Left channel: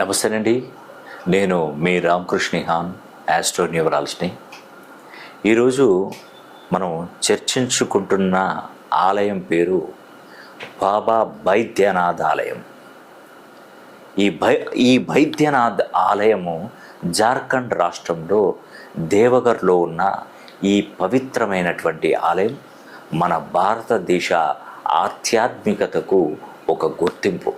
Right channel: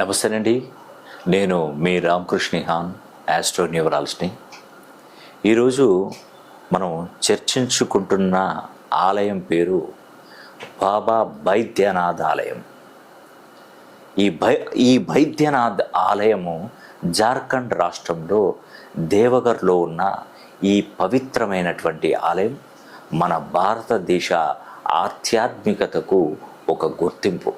నమస్తేనండి. నేను మీ రామకృష్ణ హాన్, ఆస్ట్రో న్యూమరాలజిస్ట్ని. ఈరోజు మనం చర్చించుకుంటున్న ఆలయం పేరు బాబా బైద్యనాథ్ ఆలయం. ఈ బైద్యనాథ్ ఆలయము జార్ఖండ్ రాష్ట్రంలో దేవగర్లో ఉన్న ఈ పవిత్రమైనటువంటి ఆలయం మన భారతదేశ ఆధ్యాత్మికతకు ఒక గుర్తింపు.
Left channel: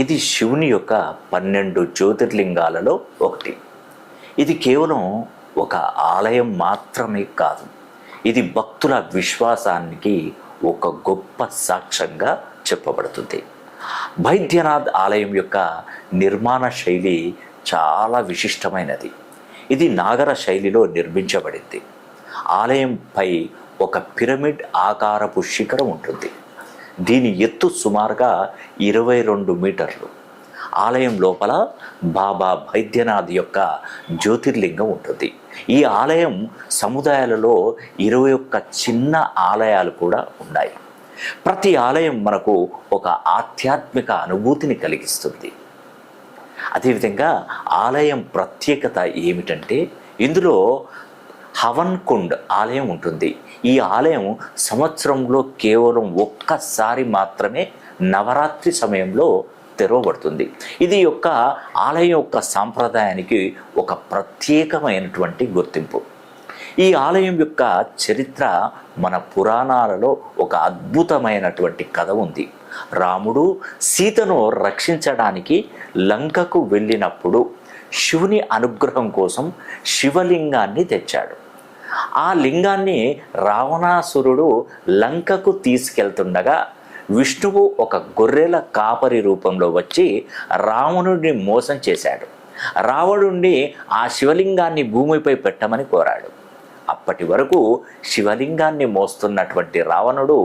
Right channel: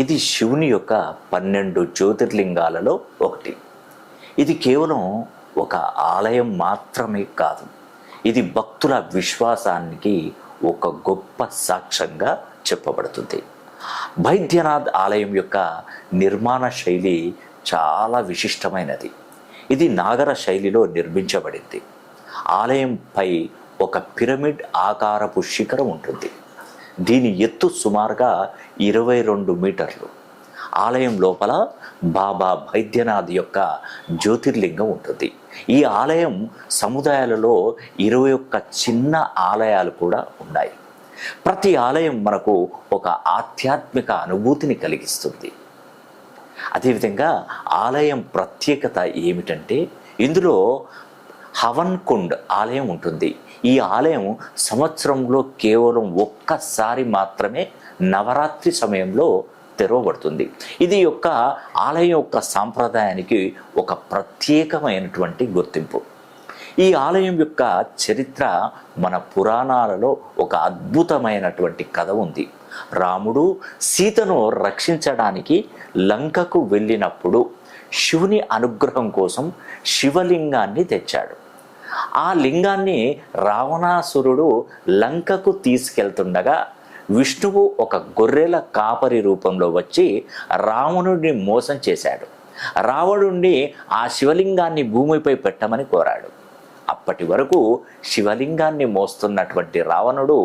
ఇది శివుని యొక్క 12 జ్యోతిర్లింగాలలో ఒకటి. ఇది కేవలం ఒక ఆలయం మాత్రమే కాదు, ఇది భక్తుల విశ్వాసానికి ఒక గొప్ప సాక్ష్యంగా చెప్పబడుతుంది. బైద్యనాథ్ ఆలయం యొక్క నిర్మాణ శైలి చాలా విశిష్టమైనది. ఇది నాగర శైలిలో నిర్మించబడింది. ఆలయంపై ఒక పిరమిడ్ ఆకారపు శిఖరం ఉంటుంది. దీని ఎత్తు సుమారుగా 22 మీటర్లు. ఆలయం లోపల బాబా బైద్యనాథ్ యొక్క జ్యోతిర్లింగం ఉంటుంది. ఈ ఆలయం సముదాయాలలో 21 చిన్న ఆలయాలు కూడా ఉన్నాయి. ప్రతి ఆలయం మనకు ఒక ఆధ్యాత్మిక అనుభూతిని కలిగిస్తుంది. అదేవిధంగా ఆలయం ప్రత్యేకత ఏమిటంటే, ఇందులో హవన్ కుండ్ ఆలయం ఉంటుంది. ఈ ఆలయం సంవత్సరంలో కేవలం ఒక్కసారి మాత్రమే నవరాత్రి సమయంలో తెరవబడుతుంది. ఇది ఆలయం యొక్క సాంప్రదాయానికి ఒక ప్రత్యేకమైనటువంటి గుర్తింపు. ఈ ఆలయం యొక్క చరిత్ర మన పురాణాలలో ఒక అద్భుతమైనటువంటి కథ ఉంది. రాముడు సీతను రక్షించడానికి లంకకు వెళ్ళినప్పుడు శివుని అనుగ్రహం కోసం శివలింగాన్ని తెచ్చాడు. ఆ లింగాన్ని రావణాసురుడు లంకకు తీసుకెళ్తుండగా విష్ణువు ఒక గొర్రెల కాపరి రూపంలో వచ్చి రావణుడిని మోసం చేశాడు. రావణుడిని ఆ శివలింగాన్ని భూమిపై పెట్టమని కోరాడు. అప్పటి వరకు శివలింగాన్ని మోస్తున్నటువంటి రావణుడు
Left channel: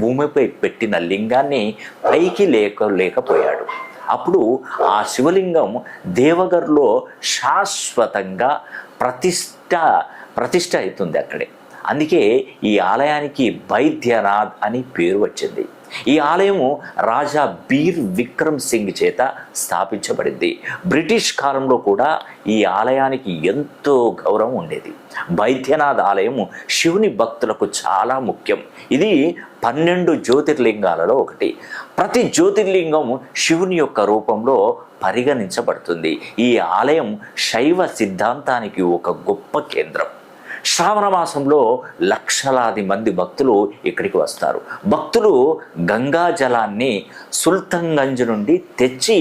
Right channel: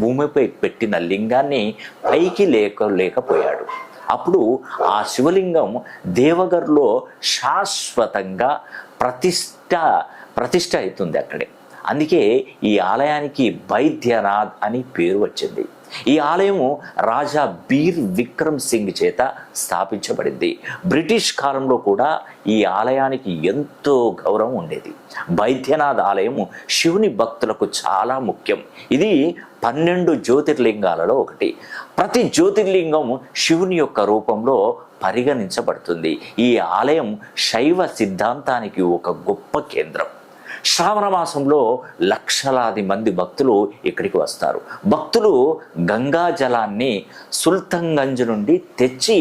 భూమిపై పెట్టిన లింగాన్ని పైకి లేకపోయాడు. అప్పుడు ఆ శివలింగం దేవగర్లో శాశ్వతంగా ప్రతిష్ట అవుతుంది అక్కడే. అందుకే ఈ ఆలయానికి బైద్యనాథ్ అని పేరు వచ్చింది. ఈ ఆలయము రాజా బీర్ విక్రమ్ సింగ్ చేత స్థాపించబడింది. బ్రిటిష్ కాలంలో కూడా ఈ ఆలయానికి ఎంతో గౌరవం ఉండేది. బైద్యనాథ్ ఆలయము శివుని భక్తులకు చాలా ముఖ్యం. ఇది 12 జ్యోతిర్లింగాలలో ఒకటి. ప్రతి జ్యోతిర్లింగం శివుని యొక్క రూపంలో పరిగణించబడుతుంది. ఈ ఆలయం శైవ సిద్ధాంతానికి ఒక గొప్ప కేంద్రం. శ్రావణ మాసంలో లక్షలాది మంది భక్తులు ఇక్కడికి వస్తారు. భక్తులు గంగా జలాన్ని సుల్తాన్గంజ్ నుండి తెచ్చి